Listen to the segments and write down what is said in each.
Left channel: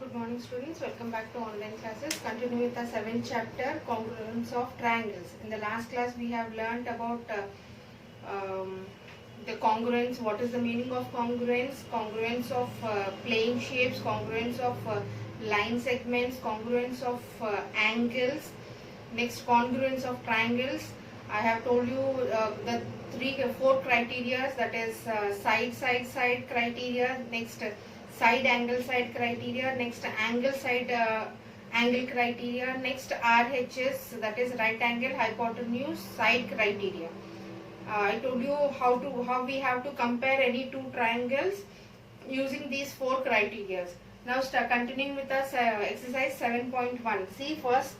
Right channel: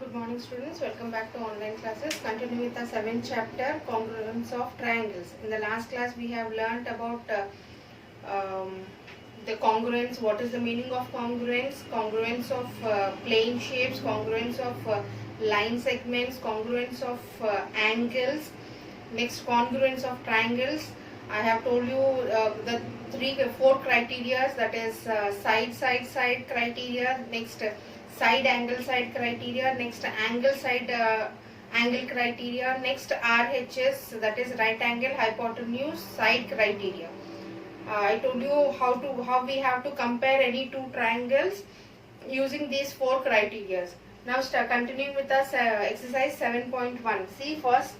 Good morning students, welcome back to online classes. Continuing with the 7th chapter, congruence of triangles. In the last class we have learnt about the congruence, what is the meaning of congruence, congruence of plane shapes, congruence of line segments, congruence of angles, next congruence of triangles. I have told you the four criteria, that is side criteria, next side angle side criteria, next angle side angle criteria, next RHS, that is right angle hypotenuse side criteria. I told you how we have to compare any two triangles using these four criteria. Now continuing with us exercise 7.1. See, first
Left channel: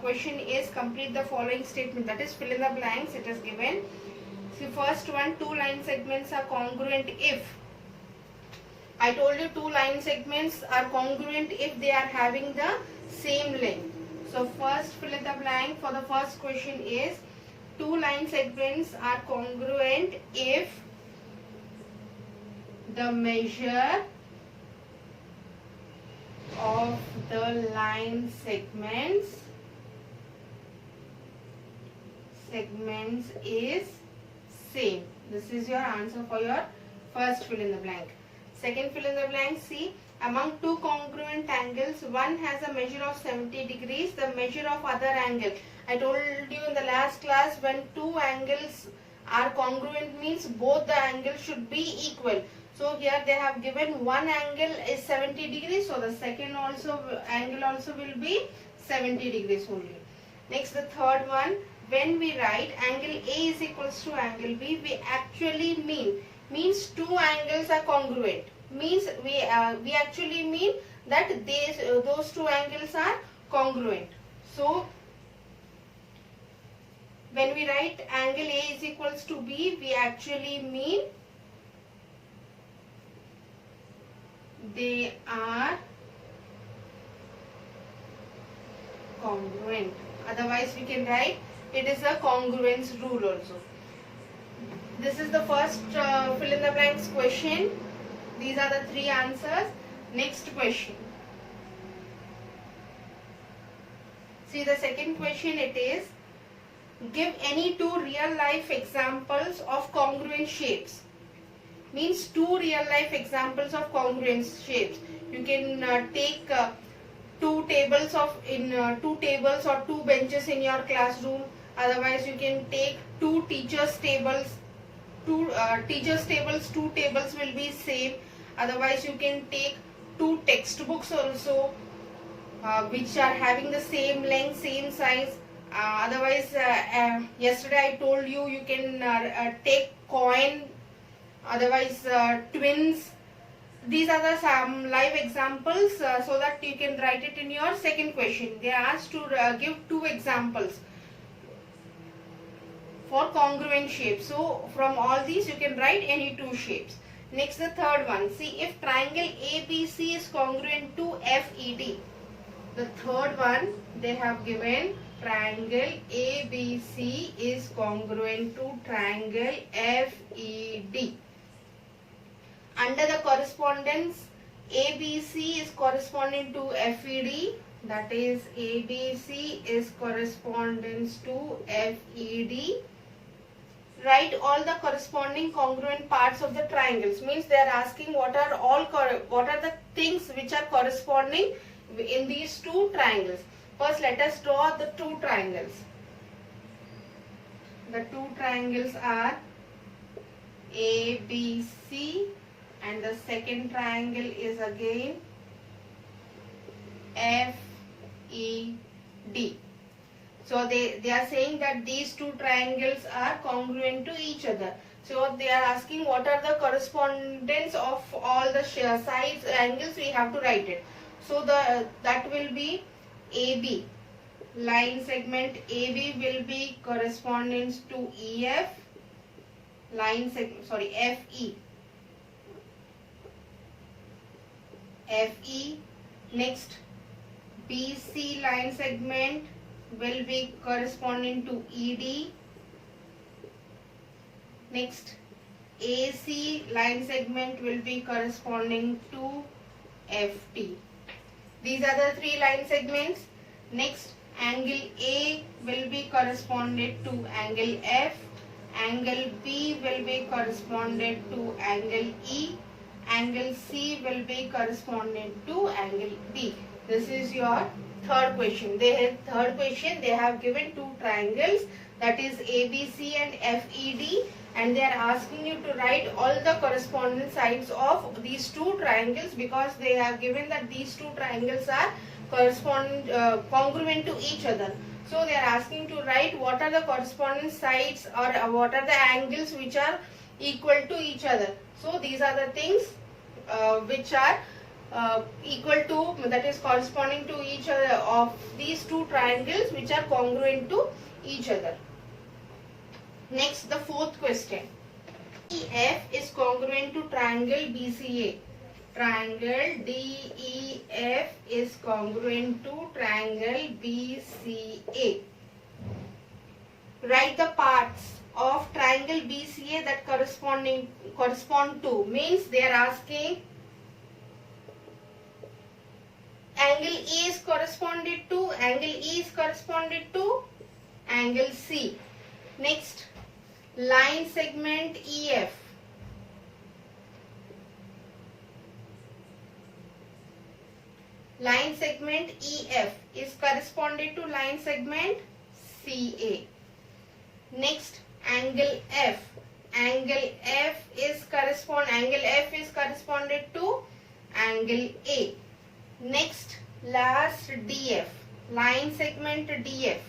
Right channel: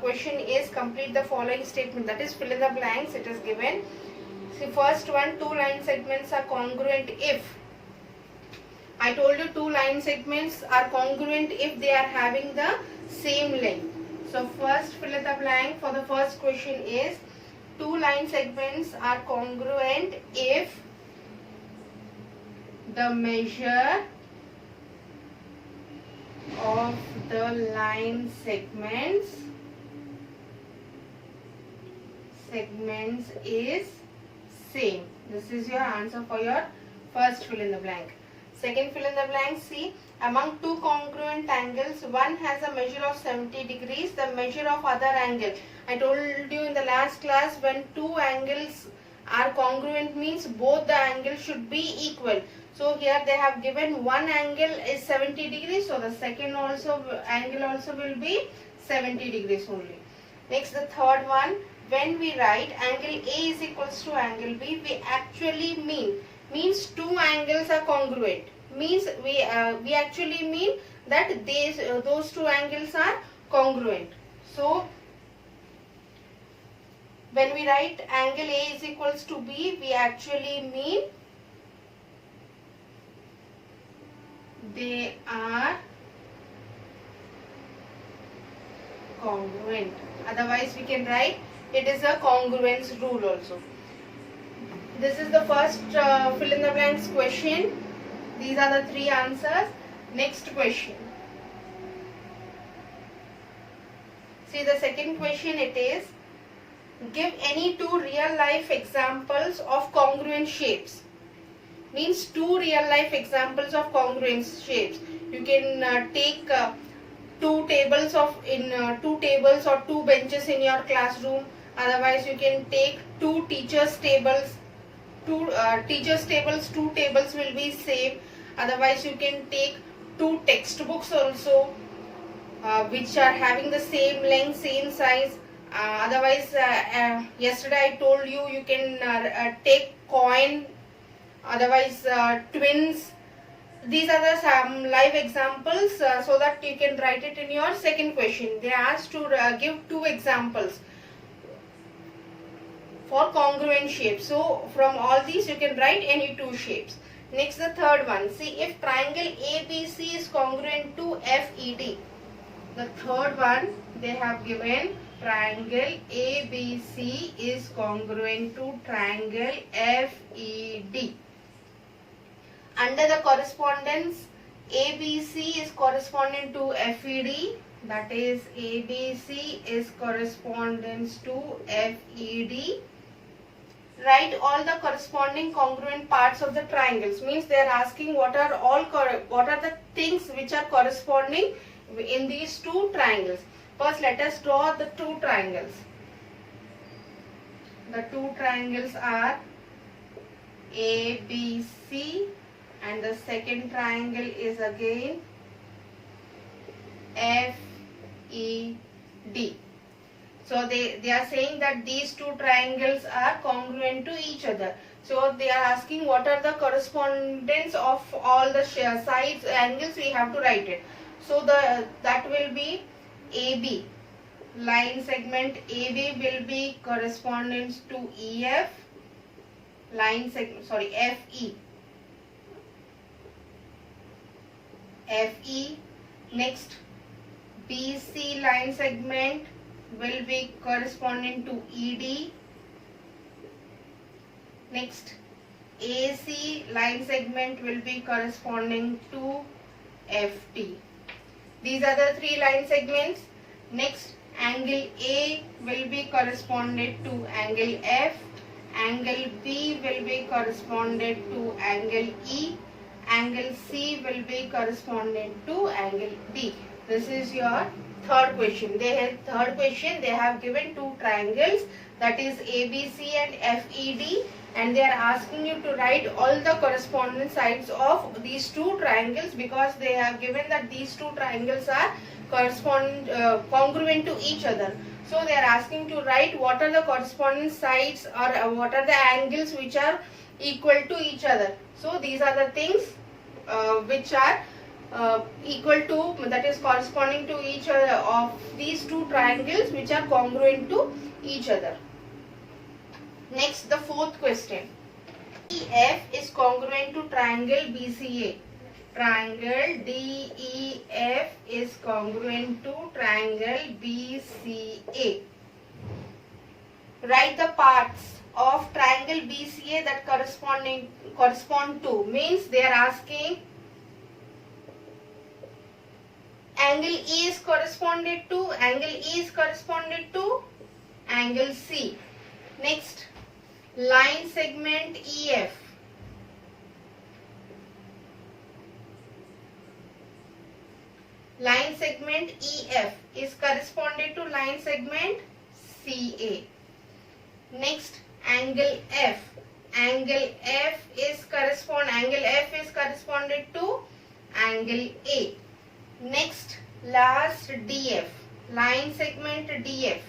question is complete the following statement, that is fill in the blanks. It is given. See, first one, two line segments are congruent if. I told you two line segments are congruent if they are having the same length. So first fill in the blank for the first question is two line segments are congruent if the measure of the line segments is same. This is your answer for your first fill in the blank. Second fill in the blank, see, among two congruent angles, one has a measure of 70 degrees, the measure of other angle. I told you in the last class, when two angles are congruent means both the angles should be equal. So here they have given one angle is 70 degrees, so the second angle also will be 70 degrees only. Next, the third one, when we write angle A is equals to angle B, we actually means two angles are congruent. Means we actually mean that those two angles are congruent. So when we write angle A is equals to B, we actually mean they are congruent. Otherwise we can write it is a congruence rule also. This is the first fill in the blanks question. These are the three answers. Next question. See, the second question, it is give any two real life examples of congruent shapes. Means two real life examples of congruent shapes. You can take two tables or two benches in your classroom. Otherwise you can take two teachers tables. Two tables will be same. Otherwise you can take two textbooks also which are having the same length, same size. Otherwise yesterday I told you can take coin. Otherwise twins. These are the some live examples so that you can write it in your second question. They are asked to give two examples for congruent shapes. So from all these you can write any two shapes. Next, the third one. See, if triangle ABC is congruent to FED. The third one, they have given triangle ABC is congruent to triangle FED. Under the correspondence, ABC is corresponding to FED. That is, ABC is correspondence to FED. Write all the corresponding congruent parts of the triangles. Means they are asking what are the things which are corresponding in these two triangles. First, let us draw the two triangles. The two triangles are ABC, and the second triangle is again FED. So they are saying that these two triangles are congruent to each other. So they are asking what are the correspondence of all the sides angles. We have to write it. So that will be AB. Line segment AB will be correspondence to EF. FE. FE. Next, BC line segment will be corresponding to ED. Next, AC line segment will be corresponding to FT. These are the three line segments. Next, angle A will be corresponded to angle F. Angle B will be corresponded to angle E. Angle C will be correspondent to angle D. This is your third question. Third question, they have given two triangles, that is ABC and FED, and they are asking you to write all the corresponding sides of these two triangles, because they have given that these two triangles are congruent to each other. So they are asking to write what are the corresponding sides, or what are the angles which are equal to each other. So these are the things which are equal to, that is corresponding to each other, of these two triangles which are congruent to each other. Next, the fourth question. DEF is congruent to triangle BCA. Triangle DEF is congruent to triangle BCA. Write the parts of triangle BCA that correspond to, means they are asking angle E is corresponded to, angle E is corresponded to angle C. Next, line segment EF. Line segment EF is corresponded to line segment CA. Next, angle F. Angle F is corresponded to angle A. Next, last, DF. Line segment DF.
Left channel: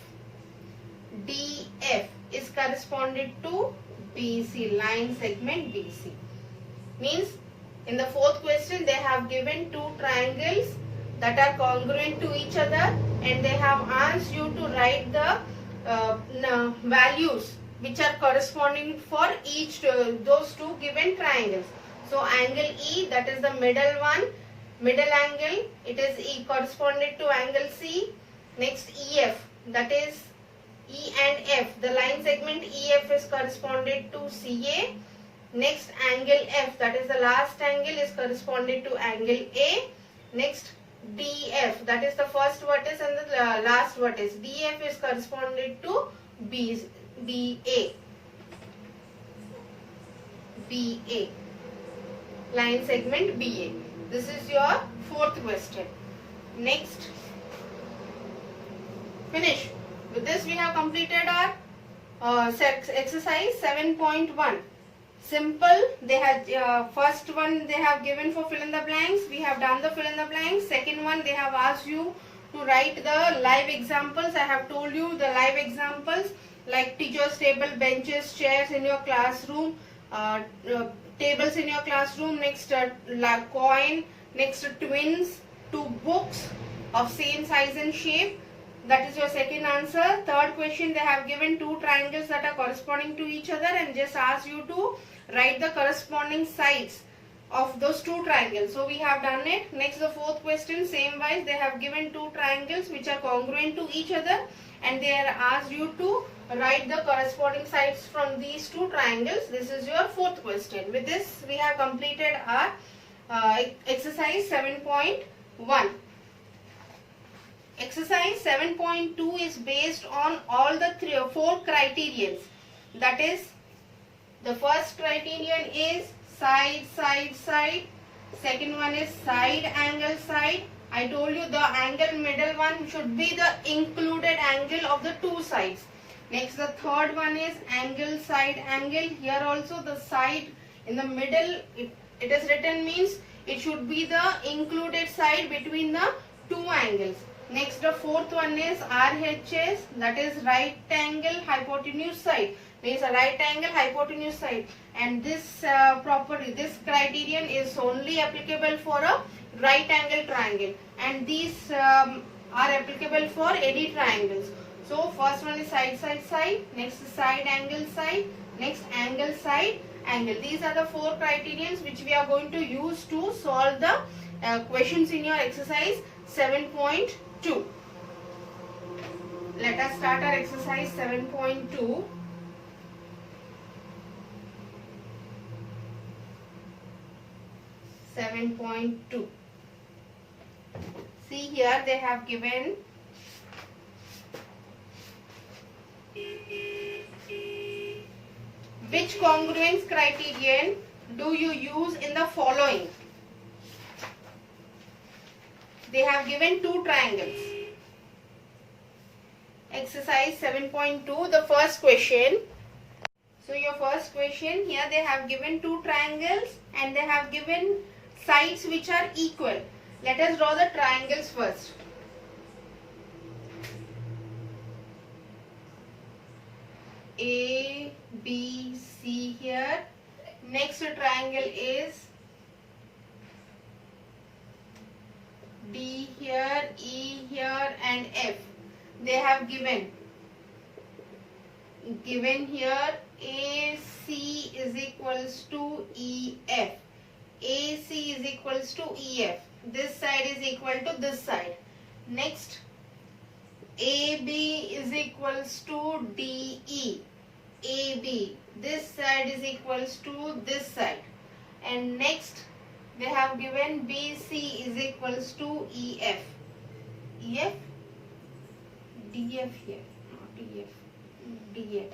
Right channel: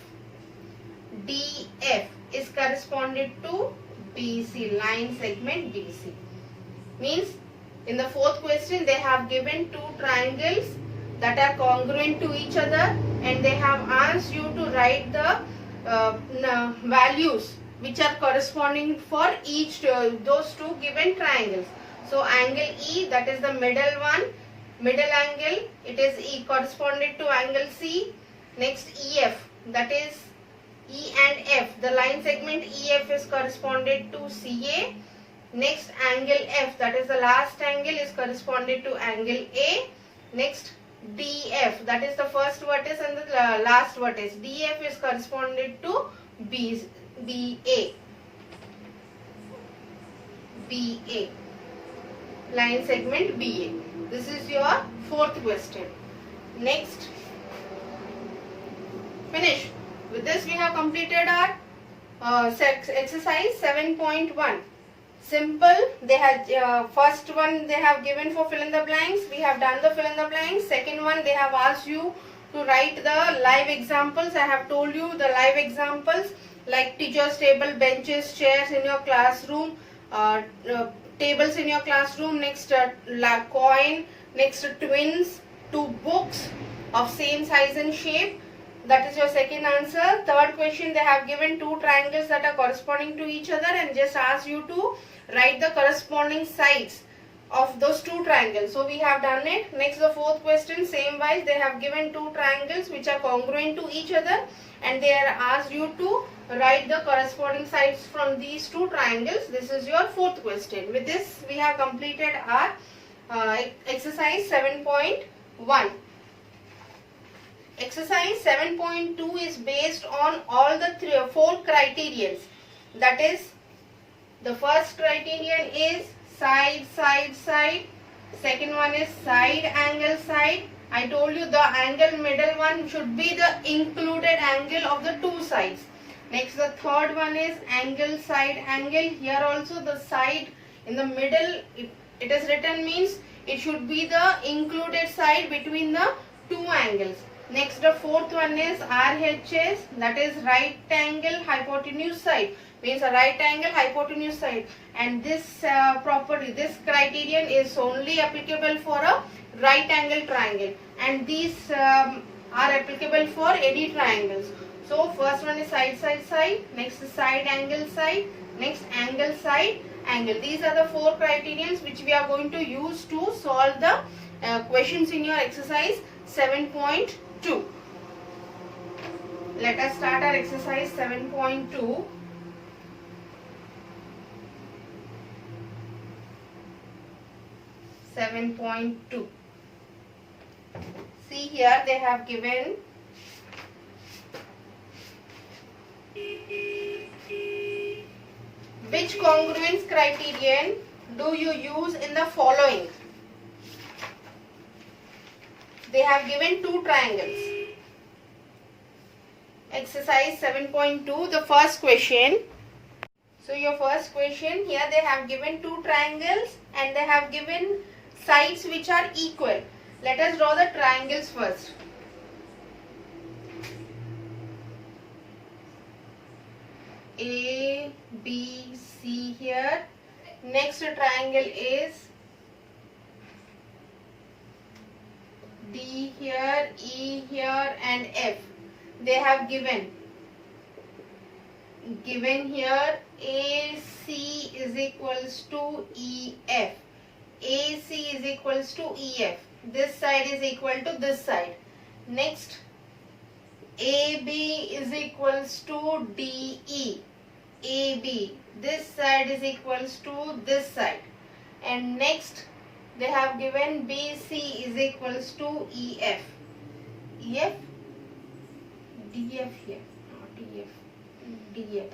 DF is corresponded to BC. Line segment BC. Means, in the fourth question, they have given two triangles that are congruent to each other, and they have asked you to write the values which are corresponding for each those two given triangles. So angle E, that is the middle one, middle angle, it is E corresponded to angle C. Next, EF, that is E and F, the line segment EF is corresponded to CA. Next, angle F, that is the last angle, is corresponded to angle A. Next, DF, that is the first vertex and the last vertex. DF is corresponded to BA. Line segment BA. This is your fourth question. Next, finish. With this, we have completed our exercise 7.1. Simple. They had first one they have given for fill in the blanks. We have done the fill in the blanks. Second one, they have asked you to write the live examples. I have told you the live examples, like teacher's table, benches, chairs in your classroom, tables in your classroom. Next, coin. Next, twins, two books of same size and shape. That is your second answer. Third question, they have given two triangles that are corresponding to each other and just asked you to write the corresponding sides of those two triangles. So we have done it. Next, the fourth question, same wise, they have given two triangles which are congruent to each other, and they are asked you to write the corresponding sides from these two triangles. This is your fourth question. With this, we have completed our exercise 7.1. Exercise 7.2 is based on all the four criterions. That is, the first criterion is side, side, side. Second one is side, angle, side. I told you the angle middle one should be the included angle of the two sides. Next, the third one is angle, side, angle. Here also the side in the middle, if it is written, means it should be the included side between the two angles. Next, the fourth one is RHS, that is right angle hypotenuse side, means a right angle hypotenuse side, and this property, this criterion is only applicable for a right angle triangle, and these are applicable for any triangles. So first one is side, side, side. Next is side, angle, side. Next, angle, side, angle. These are the four criterions which we are going to use to solve the questions in your exercise 7.2. Let us start our exercise 7.2. See here they have given which congruence criterion do you use in the following? They have given two triangles. Exercise 7.2, the first question. So your first question, here they have given two triangles and they have given sides which are equal. Let us draw the triangles first. A, B, C here. Next triangle is D here, E here and F. They have given here AC is equals to EF. AC is equals to EF. This side is equal to this side. Next, AB is equals to DE. AB. This side is equals to this side. And next, they have given BC is equals to EF. EF? DF here. Not EF. DF.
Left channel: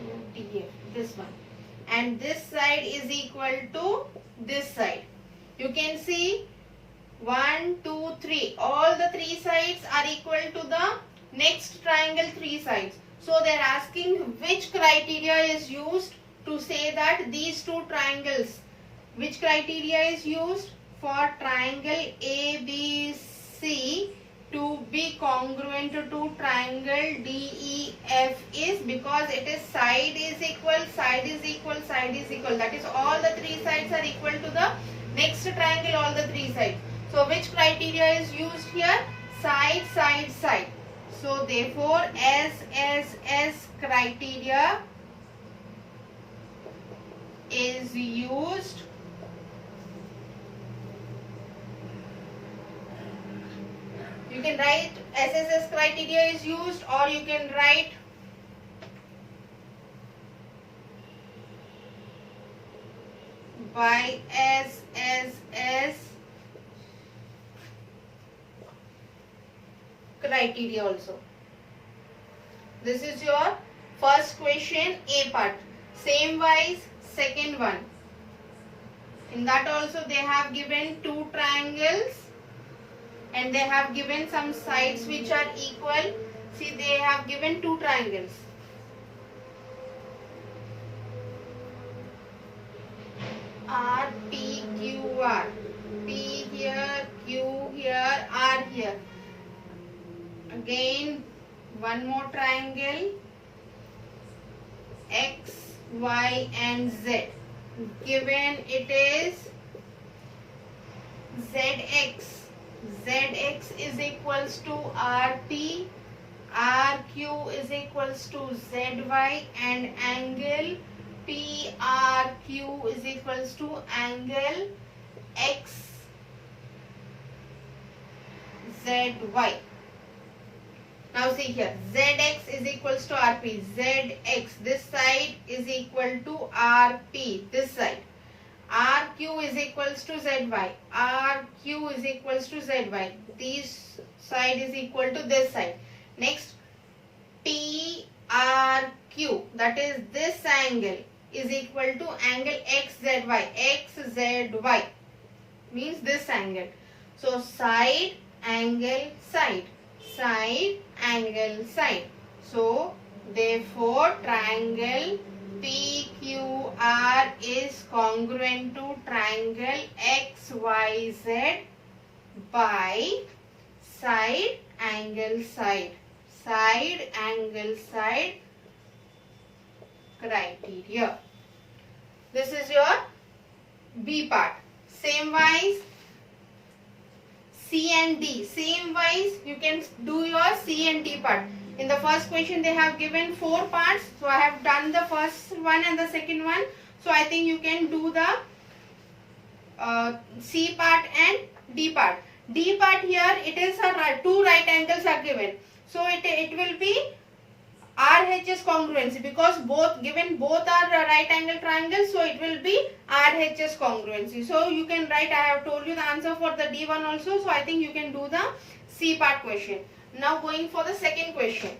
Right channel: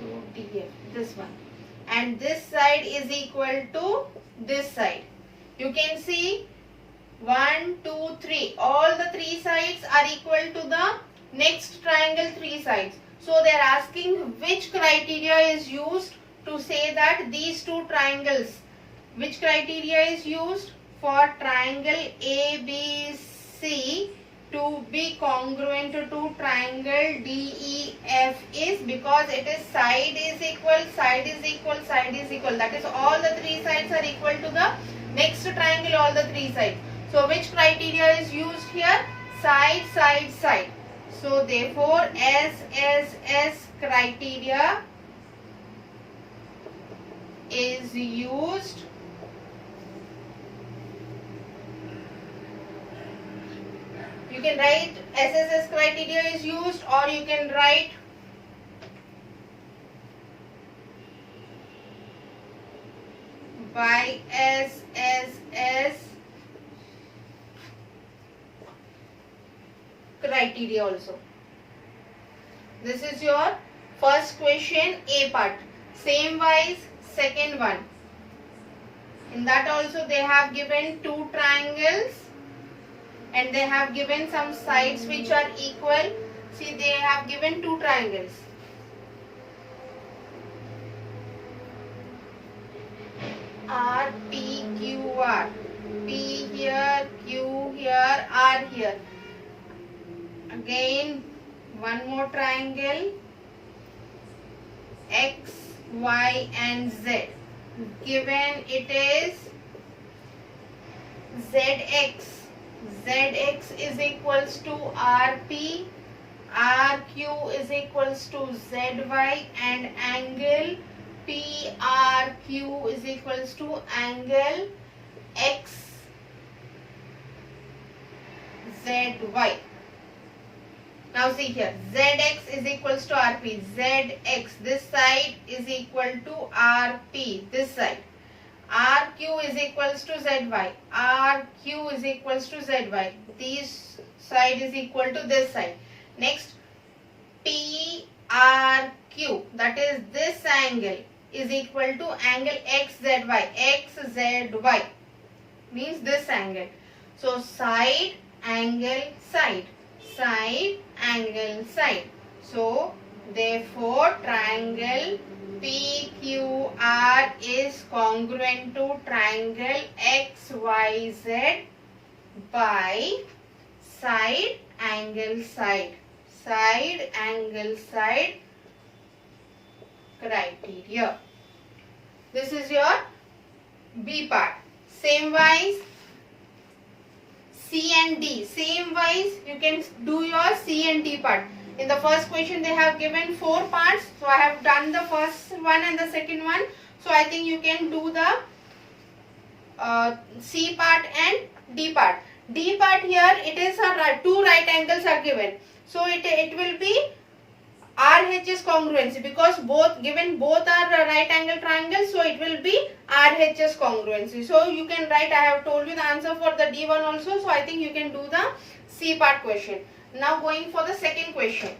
So DF. This one. And this side is equal to this side. You can see 1, 2, 3. All the three sides are equal to the next triangle three sides. So they are asking which criteria is used to say that these two triangles. Which criteria is used for triangle ABC to be congruent to triangle DEF is because it is side is equal, side is equal, side is equal. That is all the three sides are equal to the next triangle, all the three sides. So which criteria is used here? Side, side, side. So therefore SSS criteria is used You can write SSS criteria is used, or you can write by SSS criteria also. This is your first question, A part. Same wise, second one. In that also they have given two triangles and they have given some sides which are equal. See, they have given two triangles. R, P, Q, R. P here, Q here, R here. Again, one more triangle. X, Y and Z. Given it is ZX. ZX is equals to RP. RQ is equals to ZY and angle PRQ is equals to angle XZY. Now see here, ZX is equals to RP. ZX, this side is equal to RP, this side. RQ is equals to ZY. RQ is equals to ZY. This side is equal to this side. Next, PRQ, that is this angle, is equal to angle XZY. XZY means this angle. So side, angle, side. Side, angle, side. So therefore triangle PQR is congruent to triangle XYZ by side, angle, side. Side, angle, side criteria. This is your B part. Same wise, C and D. Same wise, you can do your C and D part. In the first question, they have given 4 parts. So I have done the first one and the second one. So I think you can do the C part and D part. D part here, it is a two right angles are given. So it will be RHS congruency, because both are right angle triangles, so it will be RHS congruency. So you can write, I have told you the answer for the D1 also, so I think you can do the C part question. Now going for the second question.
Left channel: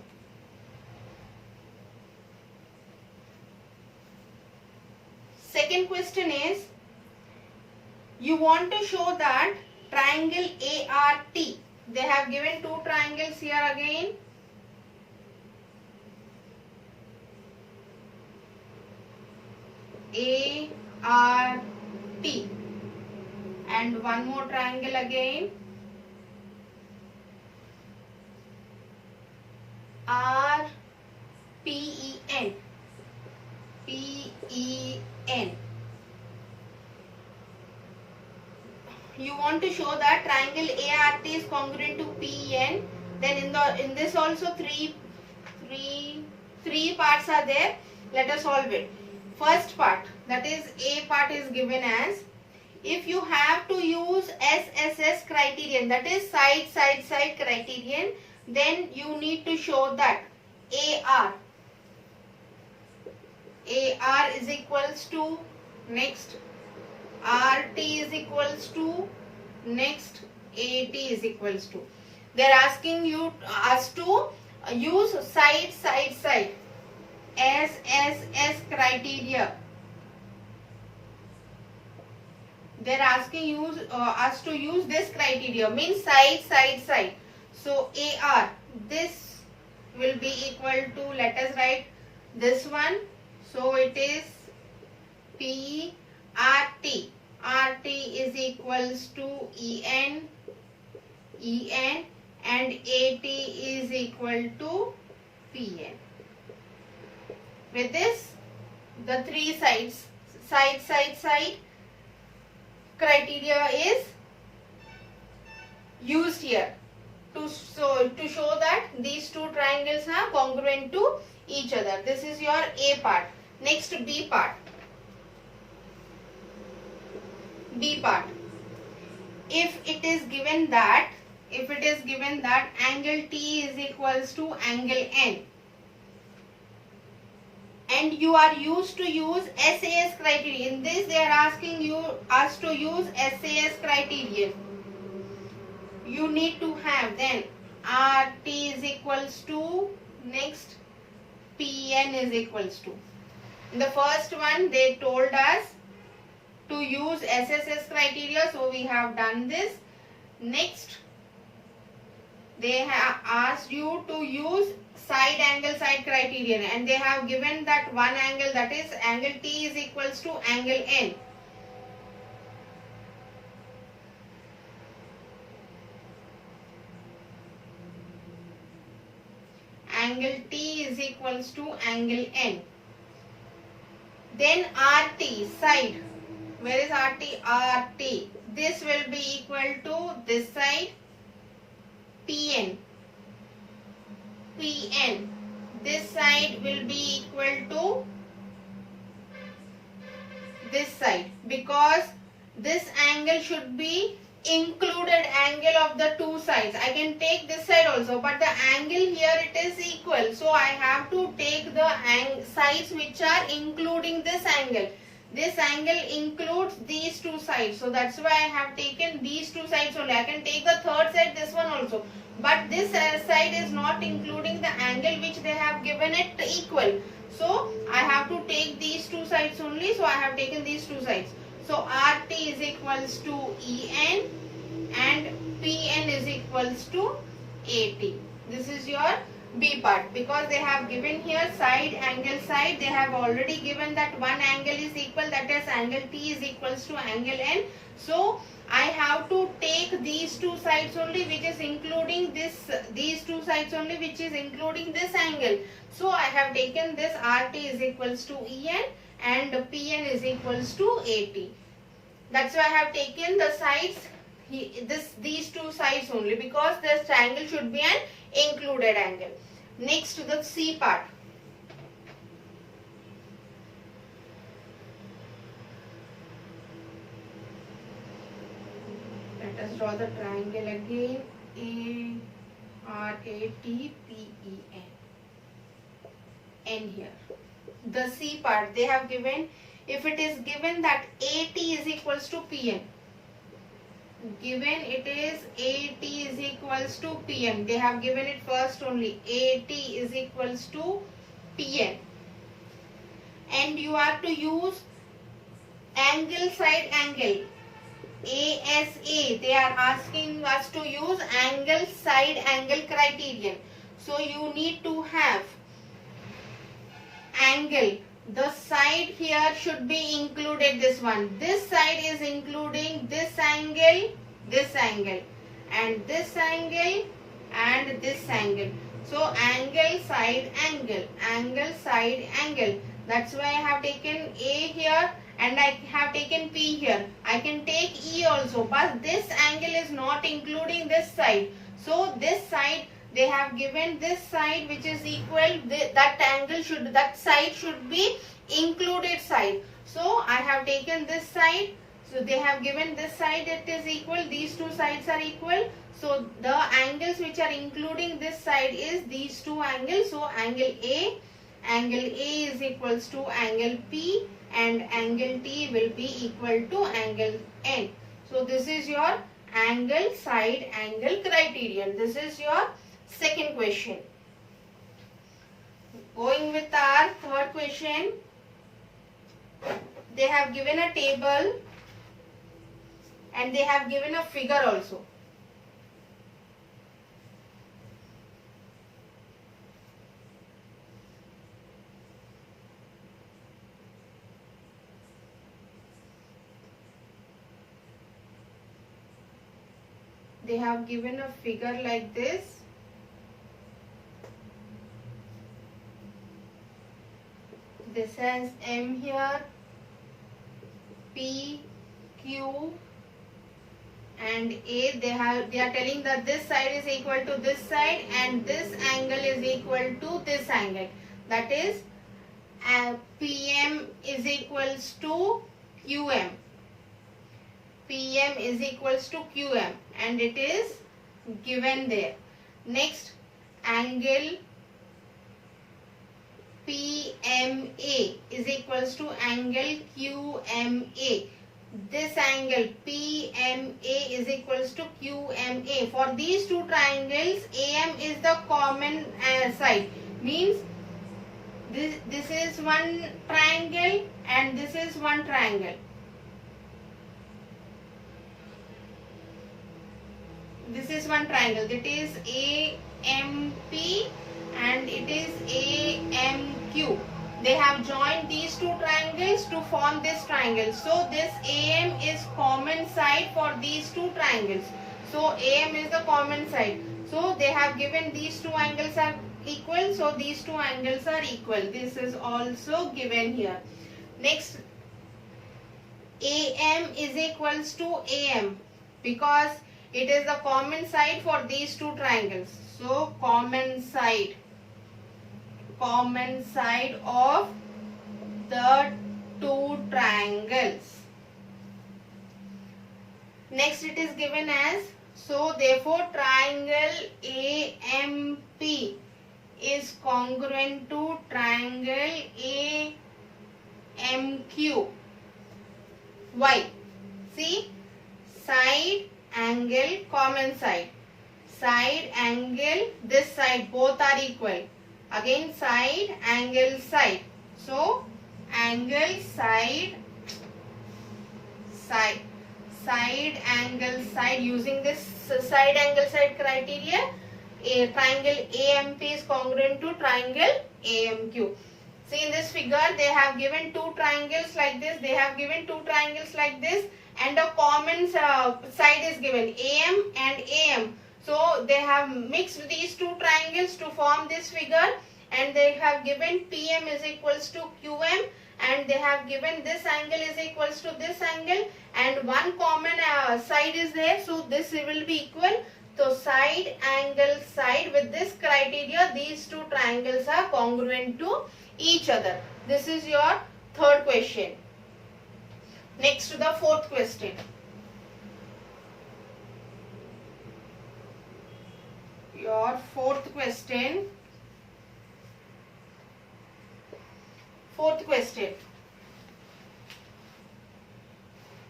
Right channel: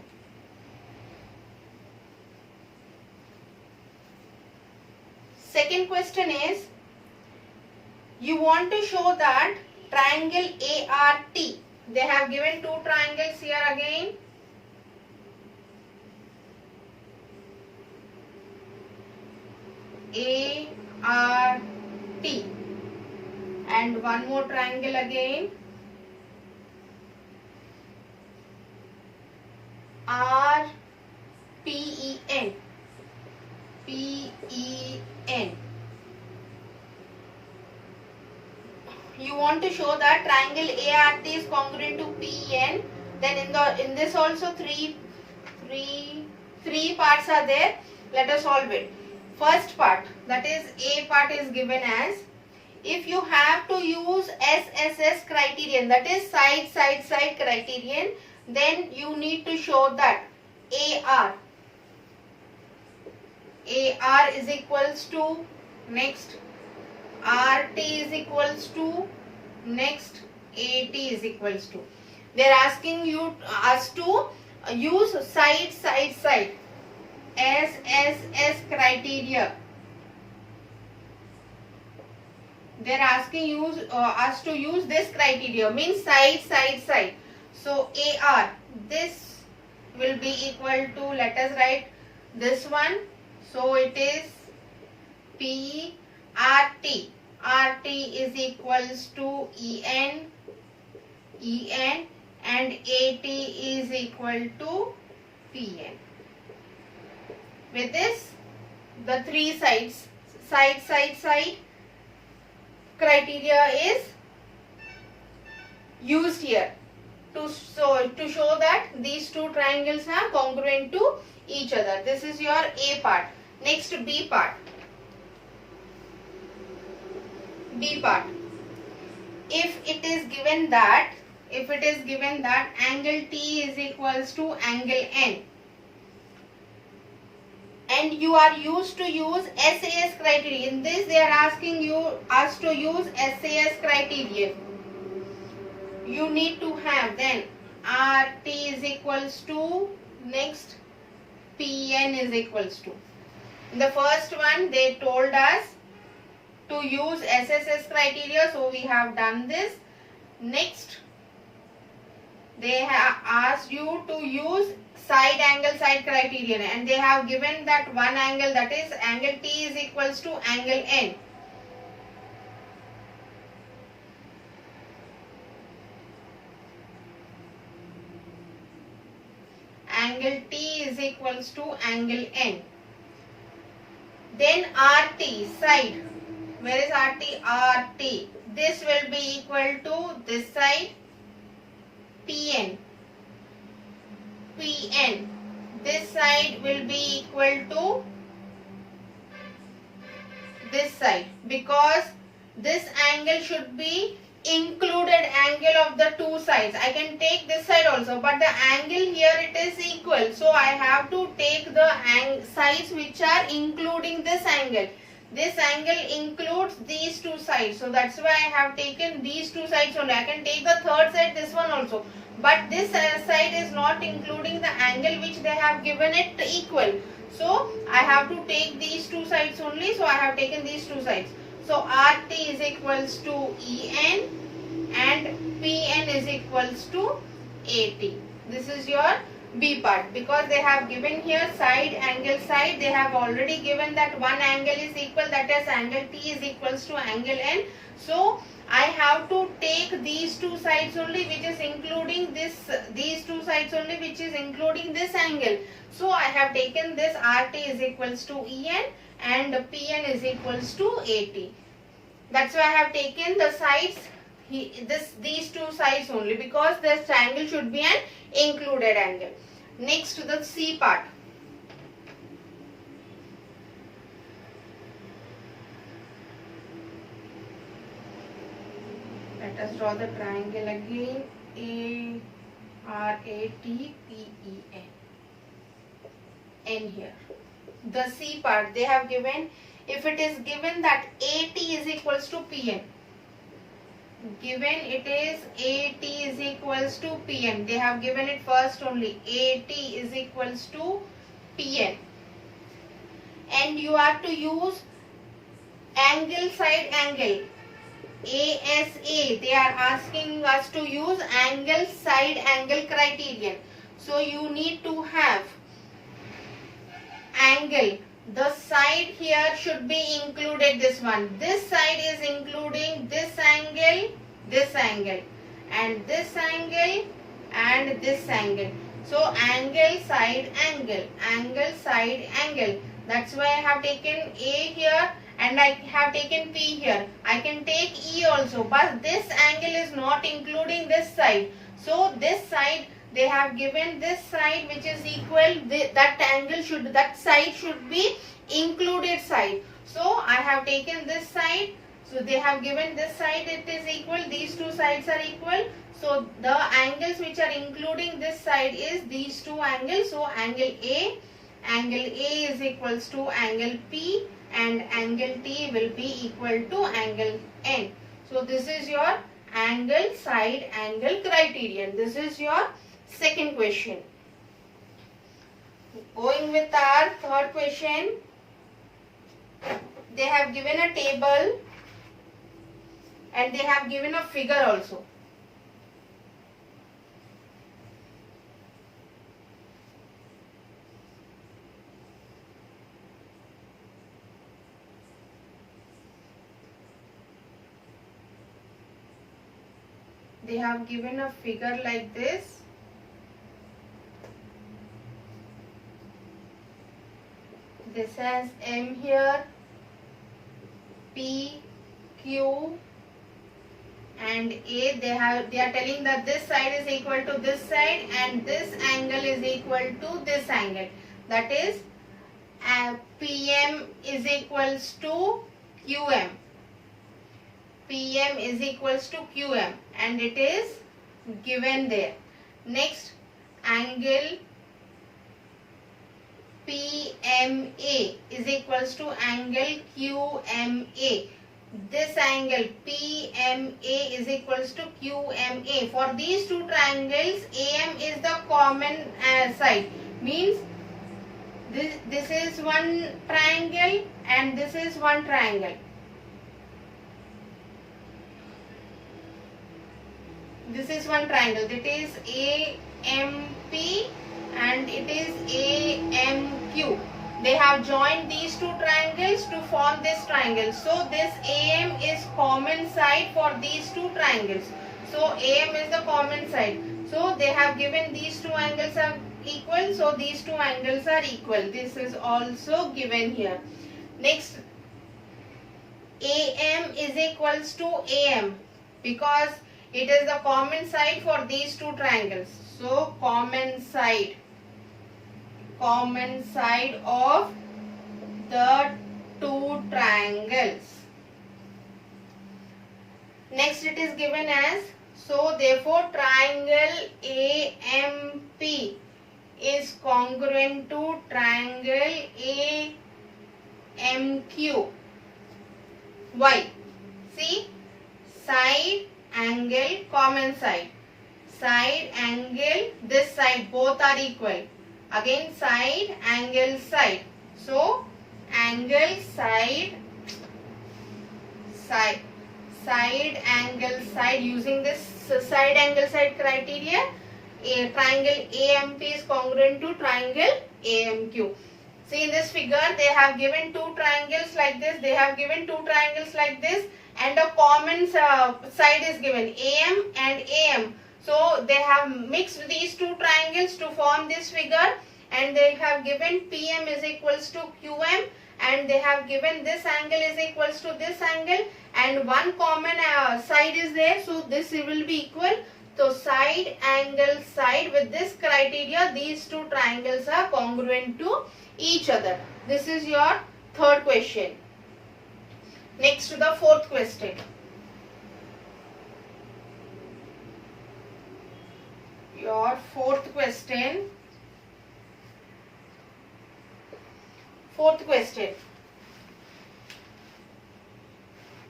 Second question is, you want to show that triangle ART, they have given two triangles here again. ART and one more triangle again, RPEN. PEN. You want to show that triangle ART is congruent to PEN. Then in this also three parts are there. Let us solve it. First part, that is A part, is given as, if you have to use SSS criterion, that is side criterion, then you need to show that AR is equals to, next RT is equals to, next AT is equals to. They are asking us to use side SSS criteria. They are asking us to use this criteria, means side. So AR, this will be equal to, let us write this one. So it is PRT. RT is equals to EN and AT is equal to PN. With this, the three sides, side criteria is used here to show that these two triangles are congruent to each other. This is your A part. Next, B part. If it is given that angle T is equals to angle N, and you are used to use SAS criterion. In this, they are asking us to use SAS criterion. You need to have then RT is equals to, next PN is equals to. In the first one, they told us to use SSS criteria, so we have done this. Next, they have asked you to use side criterion, and they have given that one angle, that is angle T is equals to angle N. Angle T is equals to angle N. Then RT, side. Where is RT? RT. This will be equal to this side. PN. This side will be equal to this side, because this angle should be included angle of the two sides. I can take this side also, but the angle here it is equal, so I have to take the sides which are including this angle. This angle includes these two sides, so that's why I have taken these two sides only. I can take the third side, this one also, but this side is not including the angle which they have given it equal. So I have to take these two sides only, so I have taken these two sides. So RT is equals to EN and PN is equals to AT. This is your B part, because they have given here side, angle, side. They have already given that one angle is equal, that is angle T is equals to angle N. So I have to take these two sides only, which is including these two sides only, which is including this angle. So I have taken this RT is equals to EN and PN is equals to AT. That's why I have taken the sides, these two sides only, because this triangle should be an included angle. Next, to the C part. Let us draw the triangle again. ARATPEN. N here. The C part they have given, if it is given that AT is equals to PN, given it is AT is equals to PM, they have given it first only, AT is equals to PN, and you have to use angle side angle, ASA. They are asking us to use angle side angle criterion. So you need to have angle. The side here should be included, this one. This side is including this angle, and this angle, and this angle. So angle side angle, angle side angle. That's why I have taken A here and I have taken P here. I can take E also, but this angle is not including this side. So this side, they have given this side which is equal, that side should be included side. So I have taken this side. So they have given this side, it is equal, these two sides are equal. So the angles which are including this side is these two angles. So angle A is equals to angle P, and angle T will be equal to angle N. So this is your angle side angle criterion. This is your second question. Going with our third question, they have given a table and they have given a figure also. They have given a figure like this. This has M here, P, Q, and A. They are telling that this side is equal to this side and this angle is equal to this angle. That is PM is equals to QM. PM is equals to QM, and it is given there. Next, angle PMA is equals to angle QMA. This angle PMA is equals to QMA. For these two triangles, AM is the common side. Means this is one triangle and this is one triangle. This is one triangle. It is AMP and it is AMQ. They have joined these two triangles to form this triangle. So this AM is common side for these two triangles. So AM is the common side. So they have given these two angles are equal. So these two angles are equal. This is also given here. Next, AM is equals to AM because it is the common side for these two triangles. So common side of the two triangles. Next it is given as, so therefore triangle AMP is congruent to triangle AMQ. Why? See, side angle common side angle, this side, both are equal. Again side angle side. So angle side angle side, using this side angle side criteria, a triangle AMP is congruent to triangle AMQ. See, in this figure they have given two triangles like this, and a common side is given, AM and AM. So they have mixed these two triangles to form this figure, and they have given PM is equals to QM, and they have given this angle is equals to this angle, and one common side is there, so this will be equal. So side angle side, with this criteria these two triangles are congruent to each other. This is your third question. Next to the fourth question. Your fourth question. Fourth question.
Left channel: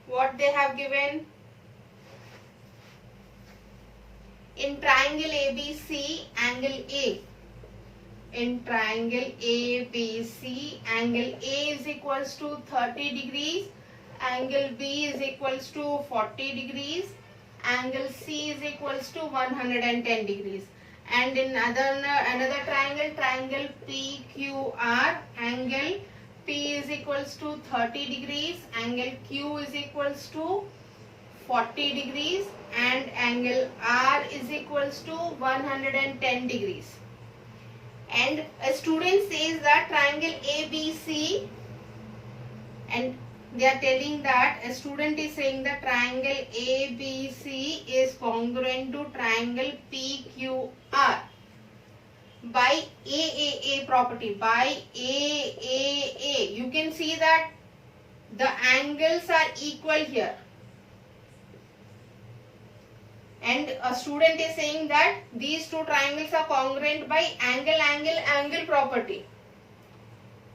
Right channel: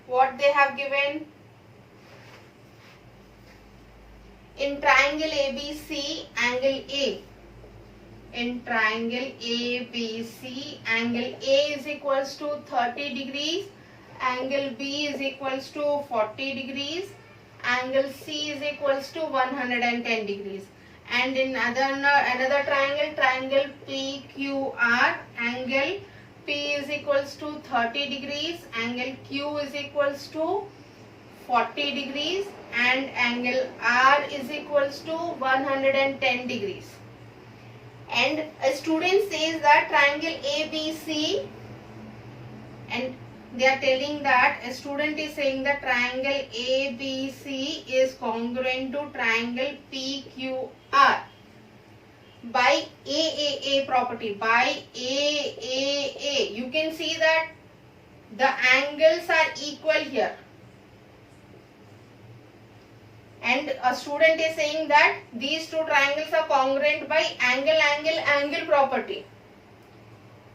What they have given? In triangle ABC, angle A. In triangle ABC, angle A is equals to 30 degrees, angle B is equals to 40 degrees, angle C is equals to 110 degrees. And in another triangle, triangle PQR, angle P is equals to 30 degrees, angle Q is equals to 40 degrees, and angle R is equals to 110 degrees. And a student says that triangle ABC, and they are telling that a student is saying that triangle ABC is congruent to triangle PQR by AAA property. By AAA, you can see that the angles are equal here. And a student is saying that these two triangles are congruent by angle property.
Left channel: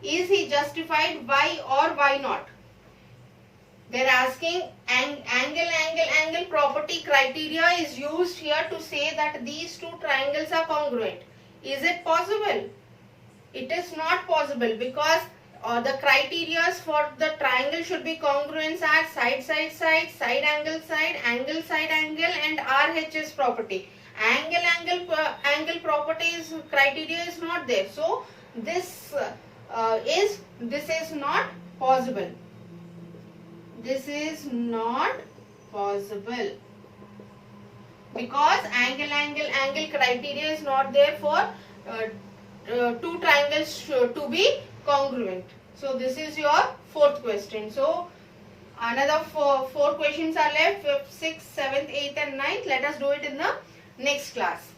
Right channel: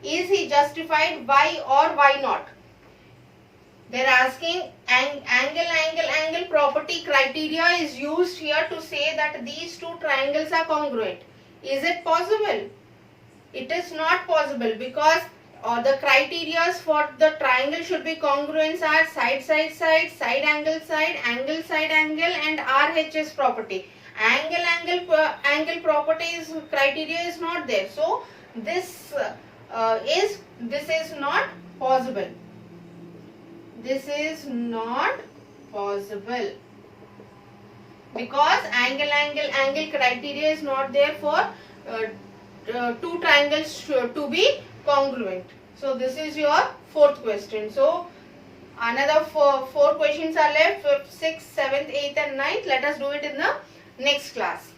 Is he justified? Why or why not? They are asking angle property criteria is used here to say that these two triangles are congruent. Is it possible? It is not possible, because the criteria for the triangle should be congruence are side, angle, and RHS property. Angle properties criteria is not there. So this is not possible. This is not possible because angle criteria is not there for two triangles to be congruent. So this is your fourth question. So another four questions are left: 5th, 6th, 7th, 8th and 9th. Let us do it in the next class.